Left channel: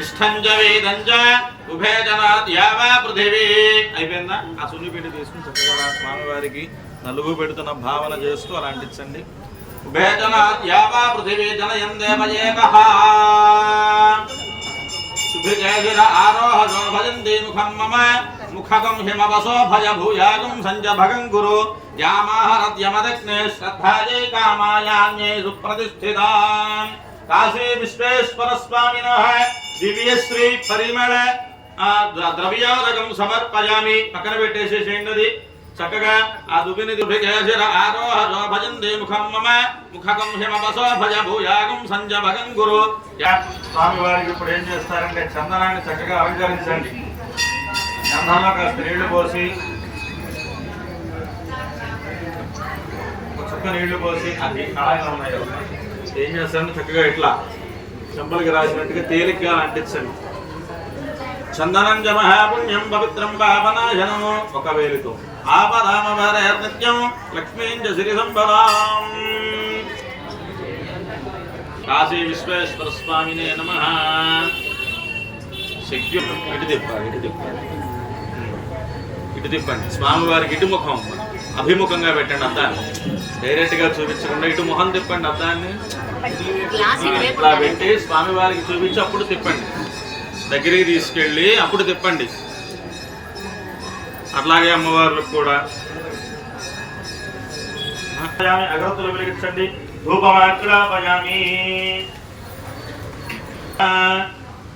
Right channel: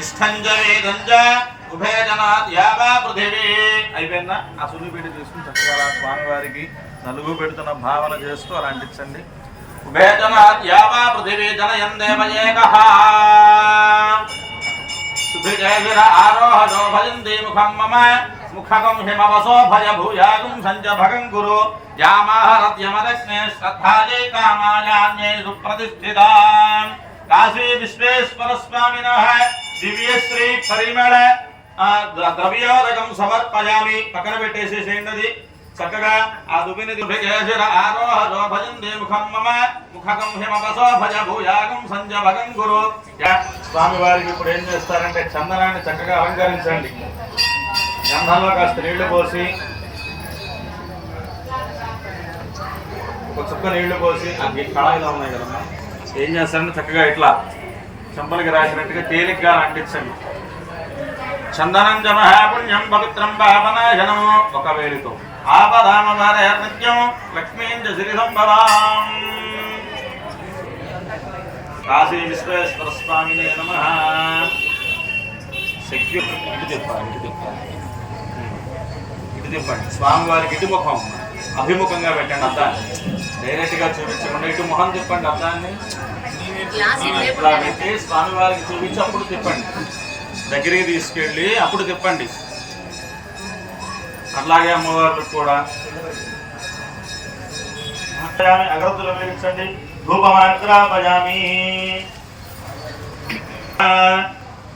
ఇష్టంజ వేదంజ ఉభయజనాత్ యావా పృథివీ అయిపోయిందా? ఆ సున్నిపిండి తీసుకుని చక్కగా అలా స్వామివారికి నలుగు పెడుతున్న భావన చేస్తూ అలా అంటించండి ఉభయజనాత్ యావా పృథివీ జనయం దేవయేకః ఆరోహణో భజంతి ముఖం మమ ముఖకం హిమవసో భయ భూయాగం సంజ భగం గురు। యామాహరద్యమదజ్ఞే కామాయాన్యై కాశీ విశ్వేశ్వర స్వామిన దివ్యశ్రీ పరిమళ ద్ర- ద్రవ్యోదకం సమర్పయామి పక్కన పెట్టేసేసేయండి అది। చక్కగా ఆ దుబిని దుభిజయశిర ఆరోహజో భజంతి ముఖం మమ ముఖకం హిమవసో భూయాగం సంజభగం గురు। యా- స్వామి వారికి ఇప్పుడు ఏం చేస్తారంటే చందనాన్ని చక్కగా అలంకరించండి। గంధంలో కాస్త నీళ్ళు పోసి ఒక చుక్క నీళ్ళు పోసి ఆ కళాయిలో ఉన్నాయి కదా. ఏం చేస్తారంటే చక్కగా ఇట్లా చెంపలకి రాసినట్టుగా తేలిగ్గా అంటించండి. చందనం జమ పుణ్యం పవిత్రం పాపనాశనం ఒక వేలితో ఆపదామ నిత్యం లక్ష్మీం సిరి సంపదాం కాశీ విశ్వేశ్వర స్వామినే నమ. శక్తి ఇటు తిప్పాలి ఇటు తిప్పాలి. ఇటు తిప్పండి. స్వామివారికి ఇటు ముఖం అభిముఖంగా పెట్టండి అద్దాన్ని. డైరెక్ట్గా చూపించకుండా ఇటు ముఖం తిప్పండి అద్దాన్ని. ఇట్లా పెట్టి స్వామివారికి చూపించి అప్పుడు తిప్పండి. దగ్గరికి తీసుకెళ్ళి అప్పుడు తిప్పండి. అట్లాగే అమ్మవార్లకు కూడా. అగరత్తులు వెలిగించండి. ధూపమాగ్రాపయామి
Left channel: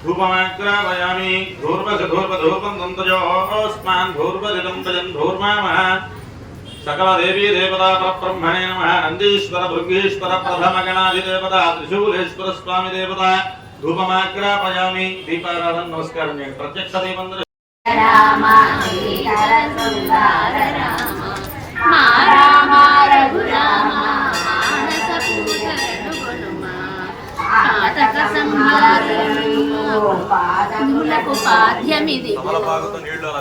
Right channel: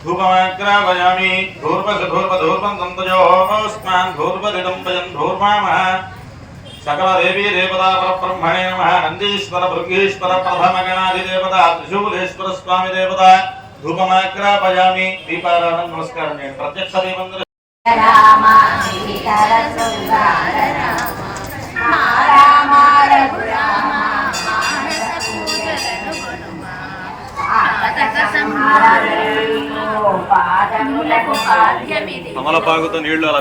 ధూపమాగ్రాపయామి ధూర్వస ధూర్వ ధూర్వం దంతజోస్మాన్ ధూర్వదిదం భజన్ ధూర్మామ. సకల దేవీ దేవతా పరబ్రహ్మణే నమ. నందీశ్వర భృంగీశ్వర ప్రథమ గణాధిదేవత త్రిశూలేశ్వర స్వామి దేవత ధూపమాగ్రాపయామి. దీపారాధన నమస్కారం చేయండి. ప్రత్యక్ష దీపం అమలపాకుతో నీళ్ళు అలా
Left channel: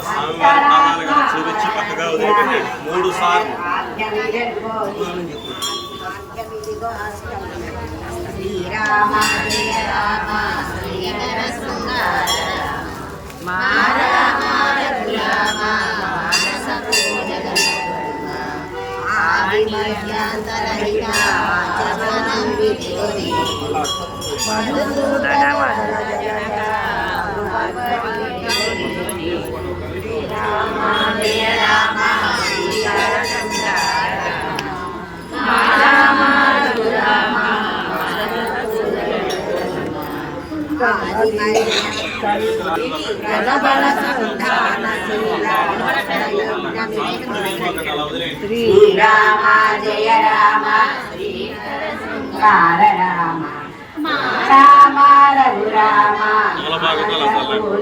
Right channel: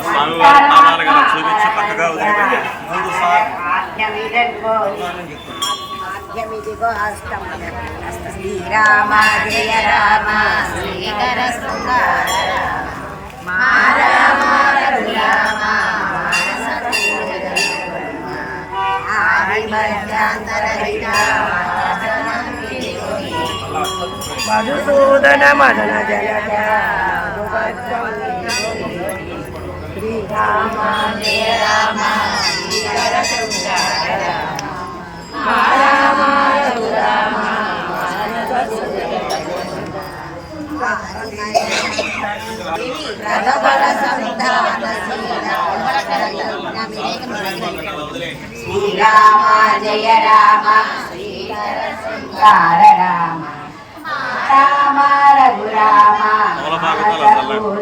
అలా చూపించి పక్కగా వదిలిపెట్టండి మూడు సార్లు. శ్రీరామ జయ రామ శృంగార రామ మధుసూదన మదన రామ ప్రజబల సంధాన శ్రీరామ జయ రామ. రామ మా రామ.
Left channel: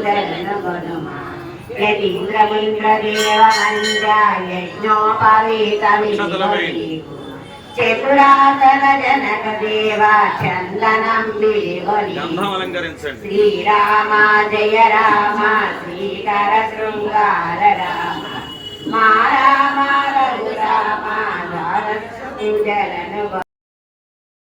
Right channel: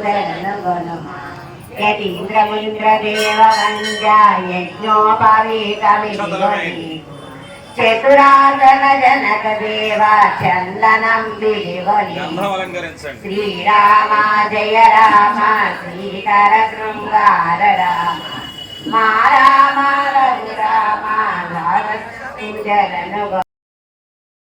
వేయండి. యజ్ఞోపవీతమి చతురాసన జనక దేవ చందనం శ్రీరామ జయ రామ శ్రీకర శృంగార రామ మా రామ రాజ